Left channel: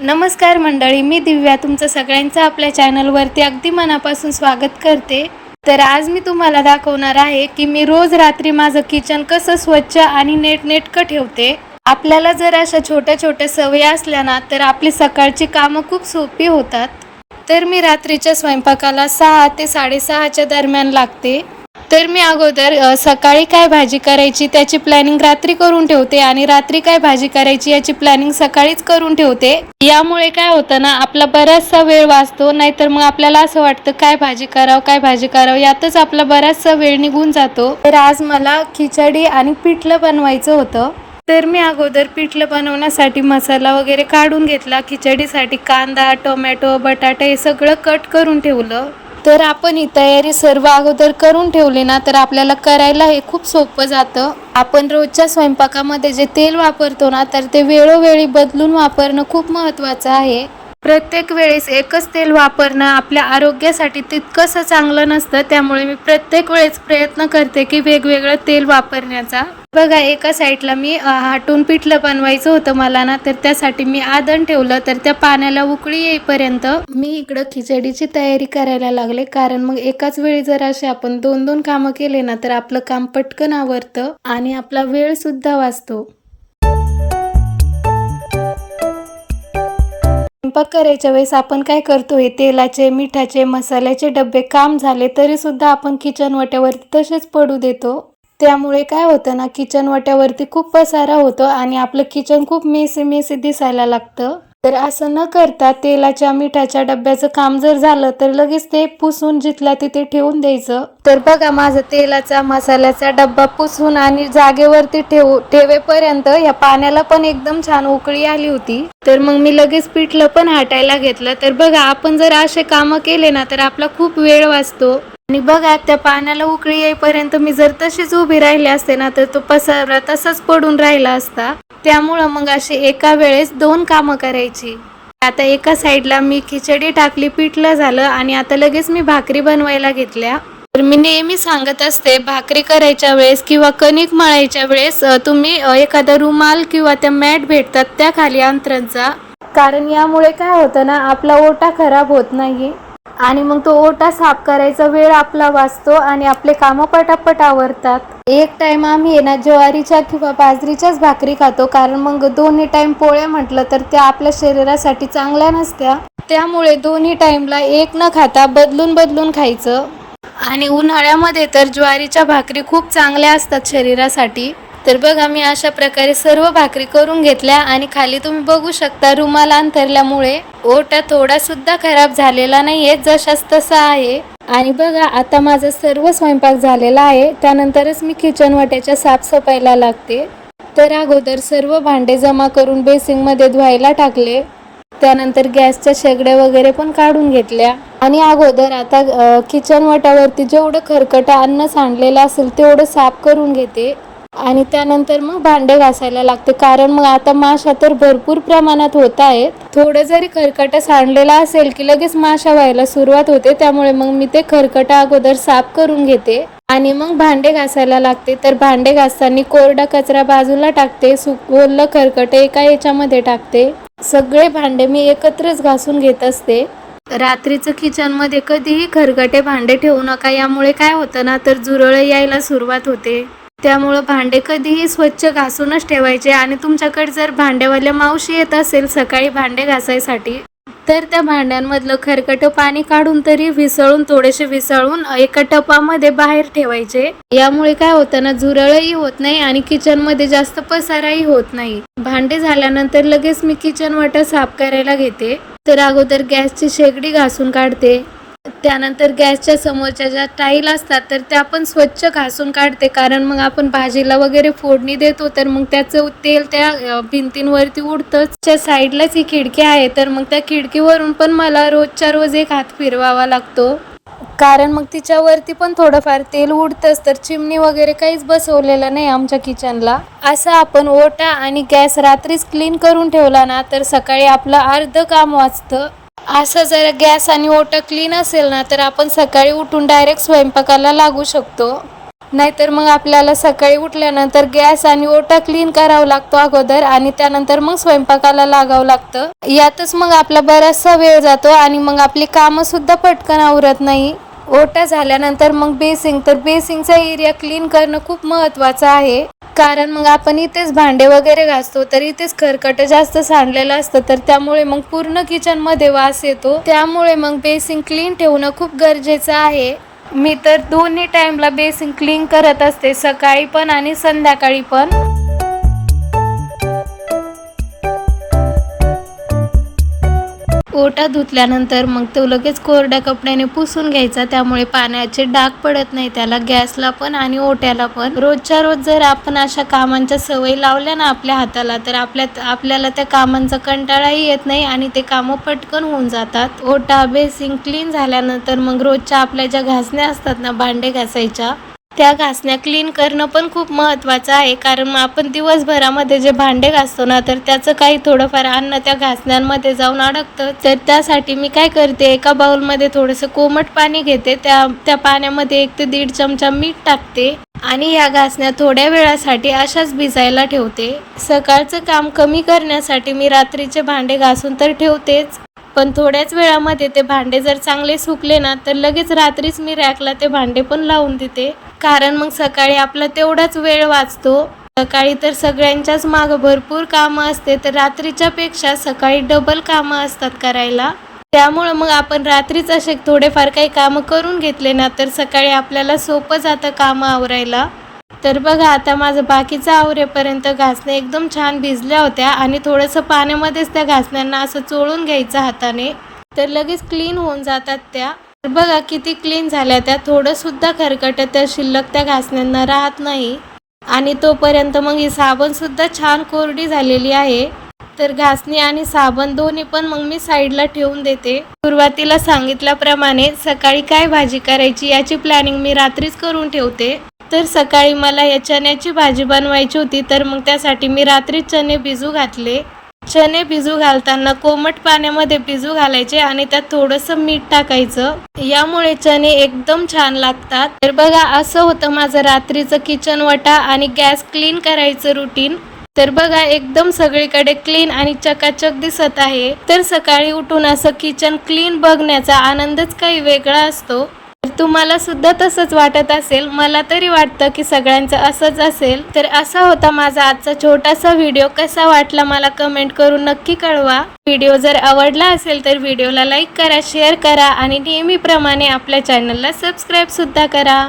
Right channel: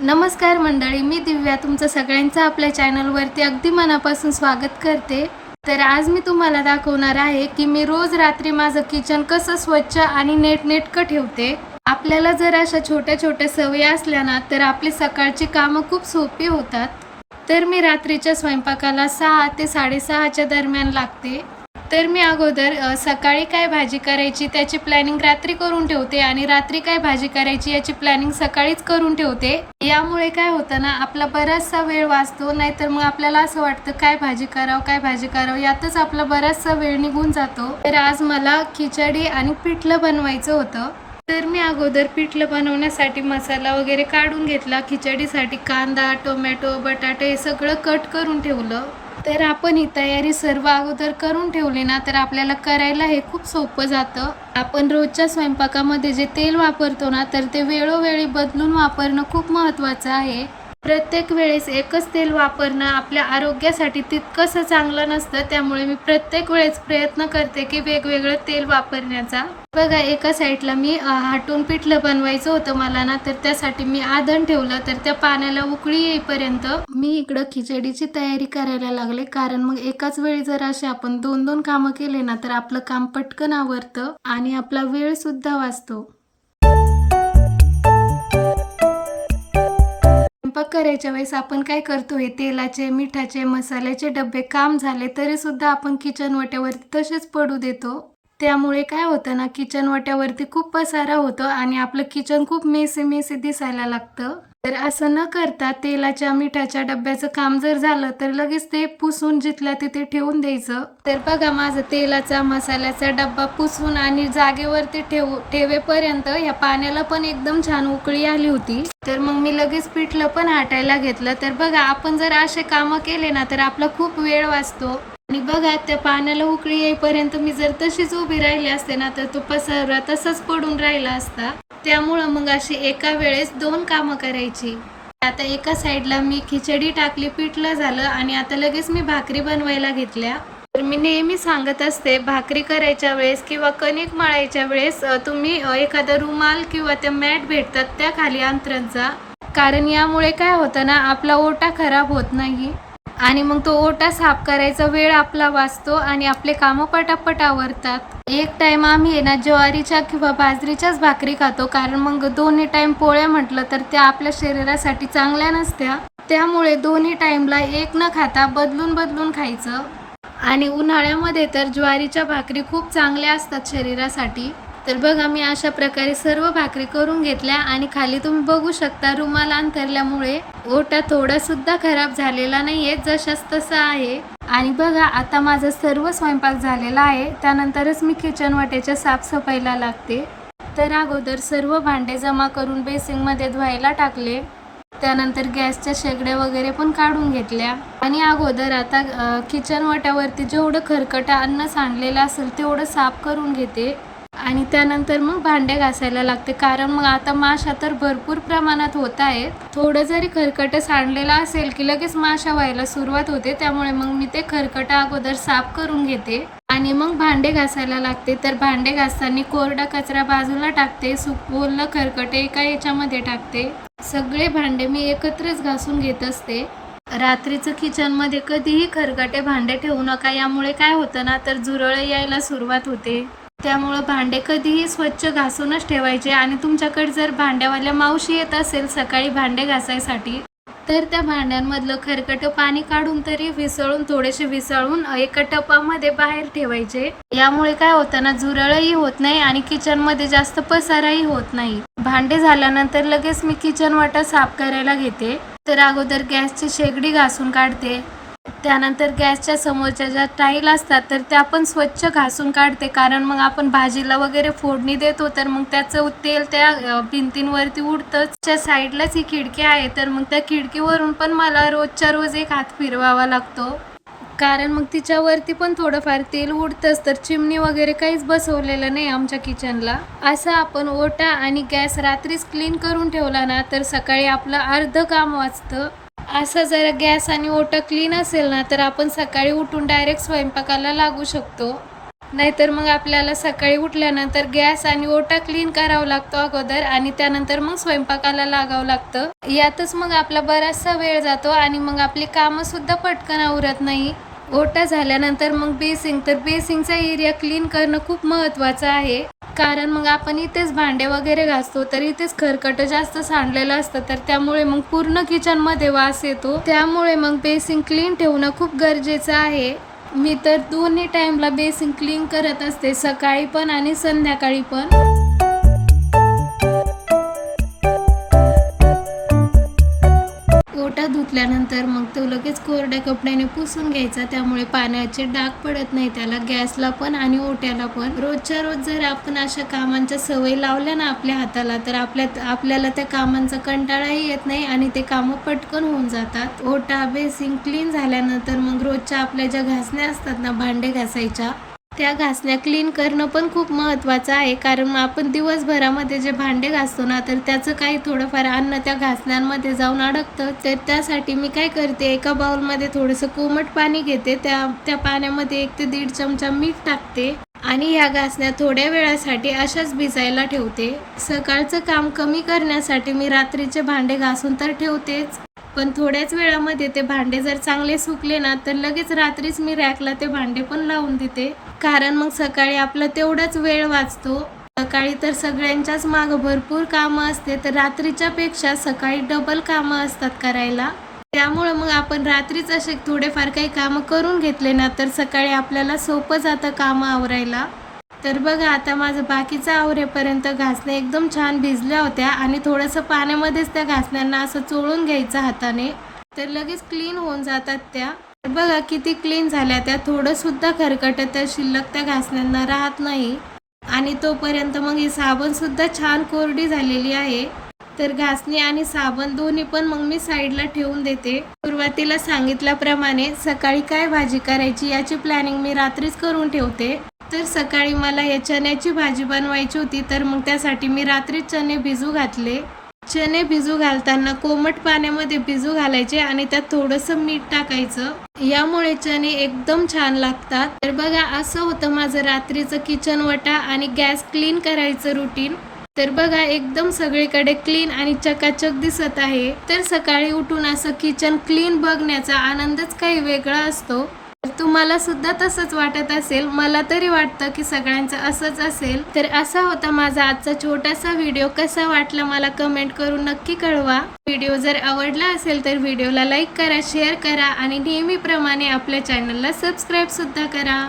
नमस्कार मंडळी, मी दिव्या तुमचं सगळ्यांचं आपल्या चॅनलवरती अगदी मनापासून स्वागत करते। तर आज मी तुम्हाला दाखवणार आहे की मी रोज रात्री माझं किचन कसं स्वच्छ आणि नीटनेटकं ठेवते। आपल्याला जर अशा छोट्या छोट्या सवयी असल्या ना तर आपली सकाळची कामं खूप सोपी होतात। तर मी रात्रीच्या स्वयंपाकाला 6 ते 6:30च्या दरम्यान लागते। तर मी अगोदर सकाळी काय भाजी करायची त्याची प्लॅनिंग रात्री करून ठेवते आणि रात्री काय भाजी करायची याची प्लॅनिंग सकाळीच करून ठेवते। यामुळे काय होतं ना, आपला बराचसा वेळ वाचतो, नाहीतर मग आपल्याला असं वाटतं काय भाजी करावं यातच आपला बराचसा वेळ निघून जातो। तर आज मला खिचडी आणि पिठलं बनवायचं होतं। तर मी अगोदर पिठलं बनवण्यासाठी मसाला वगैरे काढून घेतला। खिचडीसाठी कांदा, टोमॅटो, बटाटे हे सगळं कट करून ठेवलं। तर आपण ही तयारी सर्व अगोदर करून ठेवली ना तर आपल्याला करायला हे खूप सोपं जातं। आपण रोजच्या स्वयंपाकामध्ये जे तेल वापरतो ना तर ते वेळोवेळी बदलून वापरणं खूप महत्त्वाचं आहे। प्रत्येक वेळेस एकच तेल वापरणं आपल्या आरोग्यासाठी तितकंसं चांगलं नसतं, त्यामुळे मी प्रत्येक वेळेस प्रयत्न करते की वेगवेगळं तेल वापरण्याचा। बघा, एका साईडला मी हाटून पिठलं बनवायचं होतं मला ना, तर त्यासाठी मी आधण ठेवलं। तर त्या पाण्याला उकळी येईपर्यंत मी इकडं खिचडीची तयारी करायला लागले, कारण मग एकाच वेळी जर असे आपण दोन दोन कामं केले ना तर आपलं काम पटकन आवरतं आणि आपला वेळ सुद्धा वाचतो। स्वयंपाक करायच्या वेळेस आपण काय करतो, हे तेलाचे, मिठाचे, मसाल्याचे डब्बे काम झाले तरी सुद्धा आपण किचन वाट्यावरती तसेच पडू देतो। त्यामुळे काय होतं ना, किचन वाट्यावरती खूप पसारा होतो आणि आपलं किचन खूप मेसी दिसायला लागतं। तर असं न करता तेलाच्या, मिठाच्या डब्याचं काम जर झालं तर लगेच ते पुसून जिथल्या तिथे ठेवून द्यायचं। तर बघा, माझा तेलाचा, मसाल्याचा डब्बा पुसून आणि जागेवरती ठेवेपर्यंत या पाण्याला पण एकदम छान उकळी आली होती। तर मग मी लगेच पिठलं पण हाटायला घेतलं। तर बघा, आपण जर असे कामं केले ना तर आपला खूप वेळ वाचतो। आणि बघा, त्या पाण्याला उकळी येईपर्यंत मी जर तशीच उभी राहिले असते ना तर तो पसारा तसाच पडून राहिला असता। त्यामुळं मग अशी एका वेळेस 2 कामं करायची। आता एका साईडला मी खिचडी टाकली, पिठलं झालं आणि आता लगेच मी भाकरी बनवायला घेतल्या। तर मी नेहमी सांगत असते, भाकरी करायच्या वेळेस किंवा कणिक मळायच्या वेळेस तुम्ही एखादा रुमाल किंवा त्या मॅट भेटतात त्या खाली अंथरत जा, कारण यामुळे काय होतं ना, आपला ओटा खराब होत नाही आणि मग तो ओटा साफ करायचा वेळ आपला वाचतो आणि आपले कामं पटापट आवरतात। एक टाइम आम्ही ना ज्वारीच्या किंवा बाजरीच्याच भाकरी खातो, कारण मग दोन्ही टाइम पोळ्या म्हटलं तर त्या आपल्या शरीरासाठी चांगल्या नसत्या। त्यामुळे दोन्ही टाइमला एक न खाता बदलून बदलून खायचं। आणि उन्हाळ्यामध्ये तर ज्वारीच्या भाकरी खूप चांगल्या असतात शरीरासाठी। तर बघा, मी अशा प्रकारे सर्व भाकरी करून घेतल्या आणि खाली तुम्ही बघू शकता रुमाल अंथरल्यामुळे ओटा थोडा सुद्धा खराब झालेला नाहीये, जशास तसा आहे। आणि बघा, आता माझा सर्व स्वयंपाक झालेला आहे, त्यानंतरच मी किचन वाट्याच्या साफसफाईला लागते। तर अगोदर सर्व भांडे जमा करून बेसिंगमध्ये धुवायला टाकले। त्यानंतर गॅसच्या शेगड्या वगैरे पण काढून घेतल्या आणि अगोदर आता किचन वाट्यावरती जेवढं खरकट अन्न सांडलेलं असेल तेवढं साफ करून घेते आणि त्यानंतर मग भांडे घासायला लागते, कारण मग आता माशा तर भरपूर प्रमाणात होत आहेत। थोडं जरी खरकट सांडलेला असेल की लगेच माशा व्हायला सुरुवात होते, त्यामुळे मग मी ते खरकट अगोदर साफ करून घेते आणि मग भांडे घासायला लागते। तर भांडे घासताना कोरडा कचरा बाजूला टाकते, ओलं खरकट एका याच्यामध्ये टाकते। सगळे भांडे मी एकत्रच घासून घेत असते। रात्रीचं किचनमध्ये कधीही खरकटे भांडे ठेवू नका, यामुळे काय होतं ना तर झुरळ यायला सुरुवात होते। त्यामुळं भांडे कधीही स्वच्छ घासूनच ठेवायचे आणि तुमच्याकडे जर भांड्यावाल्या मावशी येत असेल सकाळी भांडे घासायसाठी तर त्या भांड्यांमधलं खरकटं पाणी काढून तरी थोडेसे विसळून एका टपामध्ये बाहेर ठेवायचे। यामुळे काय होतं ना, झुरळही होत नाही आणि किचनमध्ये जास्त पसाराही होत नाही। भांडे झाल्यानंतर लगेच मी किचन वाटा साफ करायला घेते। तर अगोदर गॅसची शेगडी घासून काढते, त्यानंतर गॅसच्या समोरच्या ज्या टाईल असतात तर त्या पण स्वच्छ घासून काढते, कारण मग आपण भाजीला वगैरे फोडणी देतो तर मग त्याचं तेल त्या भिंतींवरती उडतंच। त्या साईडलाच ही खिडकी आहे, तर मग त्या खिडकीवरून पण मला रोजच्या रोज एक हात फिरवावा लागतो, कारण मग तिच्यावरती पण थोडंफार तेल उडतंच। तर चिमणी वगैरे काहीच बसवलेलं नाही आमच्या किचनला। असं आपण ओटा आणि गॅस रात्रीच क्लीन करून ठेवला ना तर सकाळी आपलं अर्ध काम वाचतं। असं जर गॅस आणि ओटा क्लीन असेल ना तर आपण सकाळी उठून डायरेक्ट स्वयंपाकाला लागू शकतो। नाहीतर मग आपल्याला सकाळी उठल्यानंतर गॅस आणि ओटा क्लीन करावा लागतो अगोदर आणि त्यानंतर मग स्वयंपाकाला लागावं लागतं. यातच मग आपला बराचसा वेळ जातो आणि मग आपली कामं सुद्धा पटकन आवरत नाही. ओटा झाल्यानंतर मग बेसिंग, तर बेसिंगचा एरिया क्लीन करणं खूप महत्त्वाचं आहे. कारण मग आपण इथेच भांडे वगैरे घासतो तर इथेच खरकट जास्त सांडलेलं असतं, तर त्यामुळे मग पूर्ण किचनमध्ये वास येतो. त्यामुळे मग बेसिंग क्लीन ठेवणं खूप गरजेचं आहे. मी तर दोन्ही टाइमला बेसिंग क्लीन करत असते, सकाळी पण आणि संध्याकाळी पण. ओटा धुतल्यानंतर मग तो लगेच कोरड्या कपड्याने पुसून घ्यायचा, त्यामुळे पाण्याचे डाग पडत नाही त्याला, गॅसला पण आणि ओट्याला पण. रोजच्या रोज जर आपण अशा कामांच्या सवय लावल्या ना आपल्या हाताला, तर आपल्याला त्या कामांचा कंटाळाही येत नाही आणि ते कामं पटकन होऊन जातात. ओटा बेसिंग क्लीन झाल्यानंतर मग रोजच्या आपल्या ज्या घासण्या असतात ना भांडे घासायच्या, त्या घासण्या क्लीन करणं पण खूप महत्त्वाचं आहे. कारण मग आपण दिवसभरामध्ये जे भांडे घासतो ना, तर त्याचं काही थोडंफार अन्न त्या घासण्यांमध्ये जाऊन अडकतं. तर त्यासाठी मी काय करते, एका बाउलमध्ये थोडंसं कोमट पाणी घेते, त्या पाण्यामध्ये 1 ते 1.5 चमचा मीठ टाकते आणि ह्या घासण्या थोड्या वेळासाठी अशाच भिजायला ठेवते. सकाळचं काम कमी करण्यासाठी मी रात्रीचे भांडे घासून तर ठेवतेच, पण थोड्याच वेळामध्ये ते भांडे जर चांगले सुकले ना, तर लगेच रात्रीच मी रॅकला ते भांडे पण लावून देते. कारण मग सकाळी आपला तेवढाच वेळ वाचतो. सकाळी तर सगळ्यांच्याच मागं भरपूर कामं असते, तर रात्रीच्या पेक्षा सकाळी डबल कामं असतात करायला. त्यामुळं मग आपण रात्रीच असे थोडेफार काही कामं करून घेतले ना, तर सकाळी आपल्याला सोपं जातं कामं आवरायला. तर बघा, आता माझं बाकीचं आवरेपर्यंत घासण्या एकदम छान भिजल्या होत्या आणि थोडंसं पाण्यामध्येच त्या घासण्यांना असं चोळून घ्यायचं हाताने, तर लगेच क्लीन होऊन जातात त्या. तर बघा किती क्लीन झाल्या त्या, थोडंसुद्धा खरकट त्या शिल्लक त्या घासण्यांना राहत नाही. आणि तोपर्यंत मग ही साबणसुद्धा छान कोरडी झालेली आहे. तर घासणी आणि साबण दोन्ही पण मग मी साईडला ठेवून देते. सुरुवातीला सांगितल्याप्रमाणे सकाळी काय भाजी करायची याची प्लॅनिंग मी रात्रीच करून ठेवते. तर सकाळी मला या चण्याची भाजी बनवायची होती, तर मग त्यासाठी मी रात्रीच चणे भिजू घातले. चणे भिजू घालताना कोमट पाण्यामध्ये भिजू घालायचे आणि त्यात थोडंसं मीठ टाकायचं, यामुळे चणे एकदम छान लागतात. तर बघा, असं होतं माझं रात्रीचं किचन वटा आणि गॅस क्लीन करायचं रुटीन. तर बघा, एकदम सगळीकडे क्लीन आणि चकाचक दिसत आहे. तर सकाळी उठून असं किचन क्लीन बघण्याचा आनंदच काही वेगळा असतो. तर तुम्हाला सुद्धा तसंच वाटत असेल, मला तरी वाटतं की सगळ्यांचं असंच असेल. तर असा होता माझा आजचा छोटासा व्हिडिओ. कसा वाटला मला कमेंट करून नक्की कळवा. व्हिडिओ जर आवडला असेल तर व्हिडिओला लाईक करा, शेअर करा आणि नेहमीप्रमाणे आपल्या चॅनलला सबस्क्राईब सुद्धा करा.